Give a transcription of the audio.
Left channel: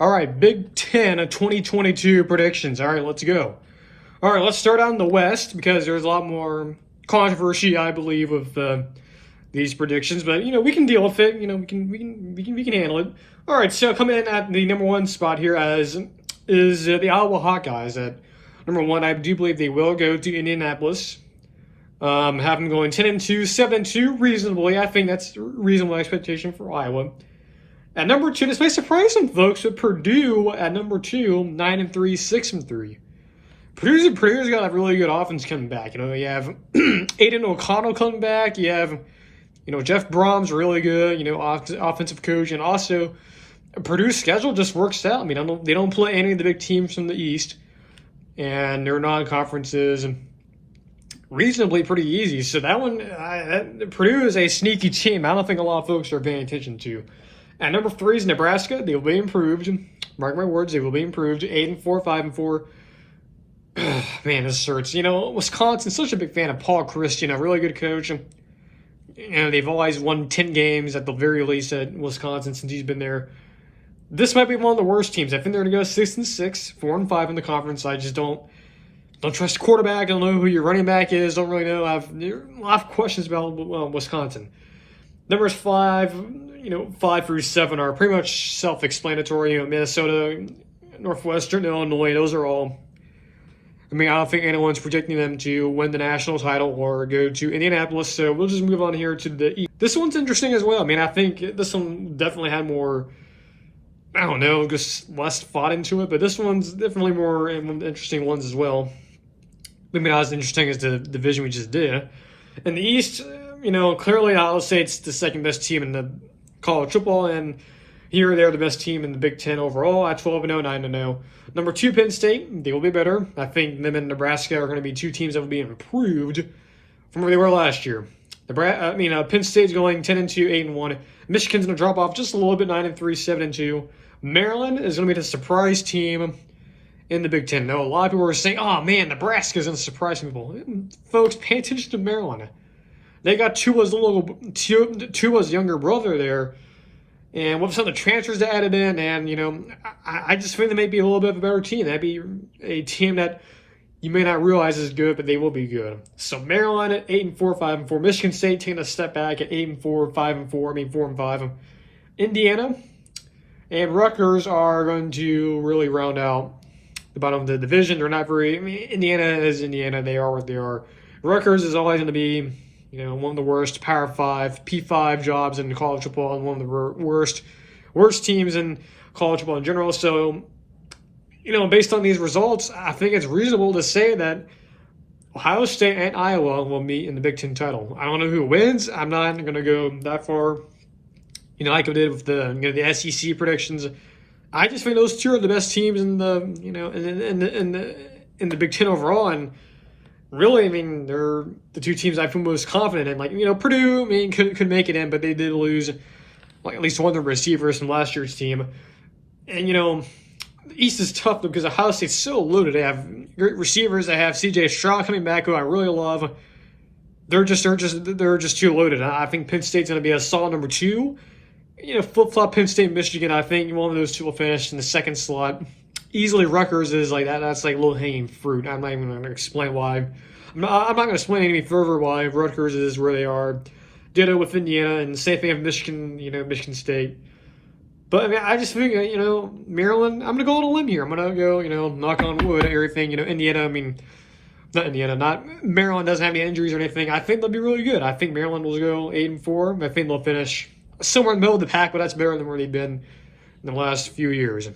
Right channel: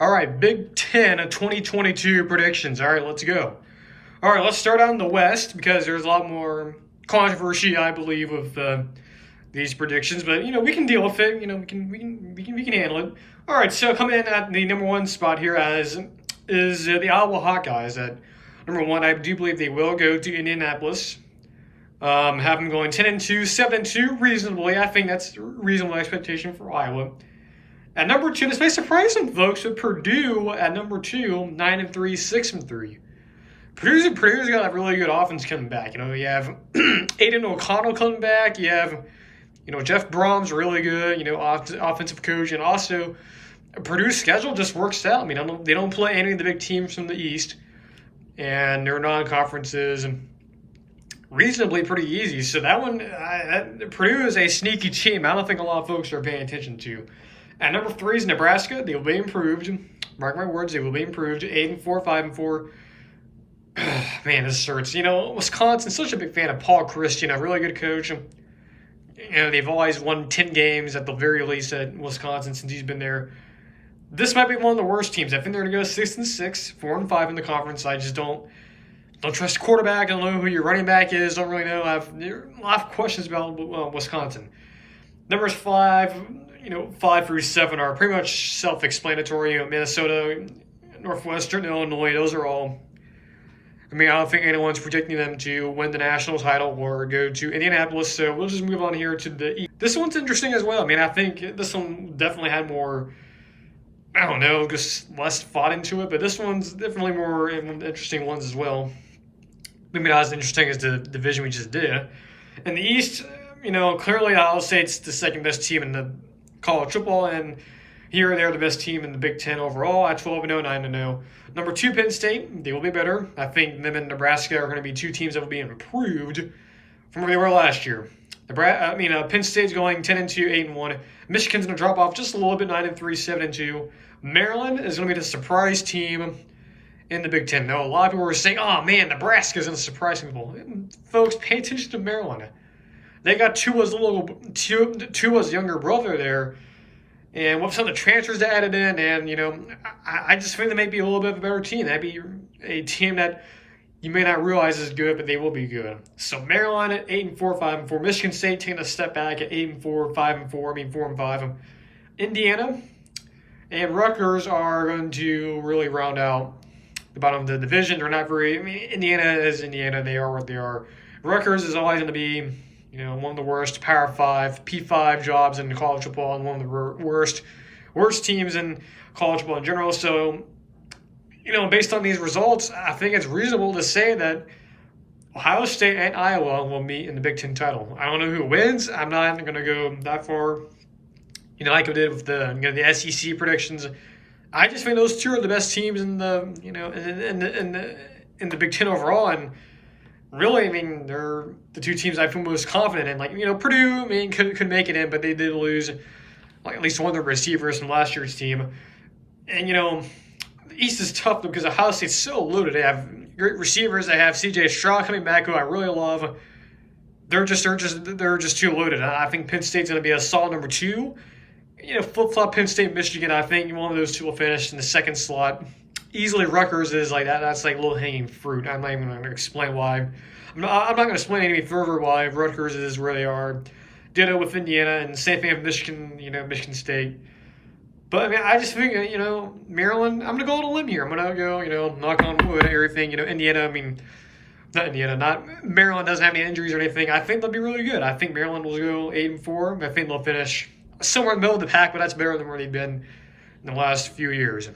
All right, Big Ten 2022 predictions. All right, let's go. All right, let's start out in the West because there's a lot more controversy, I believe, with these predictions. But we can deal with it. We can handle it. All right, so coming in at the number one spot here as is the Iowa Hawkeyes. At number one, I do believe they will go to Indianapolis. Have them going 10-2, 7-2, reasonably. I think that's a reasonable expectation for Iowa. At number two, this may surprise some folks, but Purdue at number two, 9-3, 6-3. Purdue's got a really good offense coming back. You have Aiden O'Connell coming back. You have, Jeff Brom's really good, offensive coach. And also, Purdue's schedule just works out. I mean, they don't play any of the big teams from the East. And their non-conferences reasonably pretty easy. So that one, Purdue is a sneaky team. I don't think a lot of folks are paying attention to. At number three is Nebraska. They will be improved. Mark my words, they will be improved. 8-4, 5-4. Man, this hurts. Wisconsin's such a big fan of Paul Christian, a really good coach. They've always won 10 games at the very least at Wisconsin since he's been there. This might be one of the worst teams. I think they're going to go 6-6, 4-5 in the conference. I just don't trust the quarterback. I don't know who your running back is. Don't really know. I have a lot of questions about Wisconsin. Numbers 5 through 7 are pretty much self-explanatory. Minnesota, Northwestern, Illinois, those are all. I don't think anyone's predicting them to win the national title or go to Indianapolis, so we'll just move on here to the East. This one's interesting as well. I think this one definitely had more, just less thought into it, but this one's definitely more interesting ones as well. Maybe not as interesting as the division we just did. In the East, clearly Iowa State's the second best team in the college football, and here they're the best team in the Big Ten overall at 12-0, 9-0. Number 2, Penn State, they will be better. I think them and Nebraska are going to be two teams that will be improved from where they were last year. Penn State's going 10-2, 8-1. Michigan's going to drop off just a little bit, 9-3, 7-2. Maryland is going to be the surprise team in the Big Ten. Now, a lot of people are saying, oh man, Nebraska's going to surprise people. Folks, pay attention to Maryland. They got Tua's younger brother there. And with some of the transfers they added in, and, I just think they may be a little bit of a better team. That'd be a team that you may not realize is good, but they will be good. So Maryland at 8-4, 5-4. Michigan State taking a step back at 8-4, 5-4. 4-5. Indiana and Rutgers are going to really round out the bottom of the division. They're not very. Indiana is Indiana. They are what they are. Rutgers is always going to be, one of the worst Power 5, P5 jobs in college football and one of the worst teams in college football in general. So, based on these results, I think it's reasonable to say that Ohio State and Iowa will meet in the Big Ten title. I don't know who wins. I'm not going to go that far, like I did with the SEC predictions. I just think those two are the best teams in the, in the Big Ten overall. And really, they're the two teams I feel most confident in. Purdue, could make it in, but they did lose at least one of their receivers from last year's team. And, the East is tough because Ohio State's so loaded. They have great receivers. They have C.J. Stroud coming back, who I really love. They're just too loaded. I think Penn State's going to be a solid number 2. Flip-flop Penn State, Michigan. I think one of those two will finish in the second slot. Easily Rutgers is like that. That's like low-hanging fruit. I'm not even going to explain why. I'm not going to explain any further why Rutgers is where they are. Ditto with Indiana and same thing with Michigan, Michigan State. But I just think, Maryland, I'm going to go on a limb here. I'm going to go, knock on wood, everything. Indiana, Maryland doesn't have any injuries or anything. I think they'll be really good. I think Maryland will go 8-4. I think they'll finish somewhere in the middle of the pack, but that's better than where they've been in the last few years.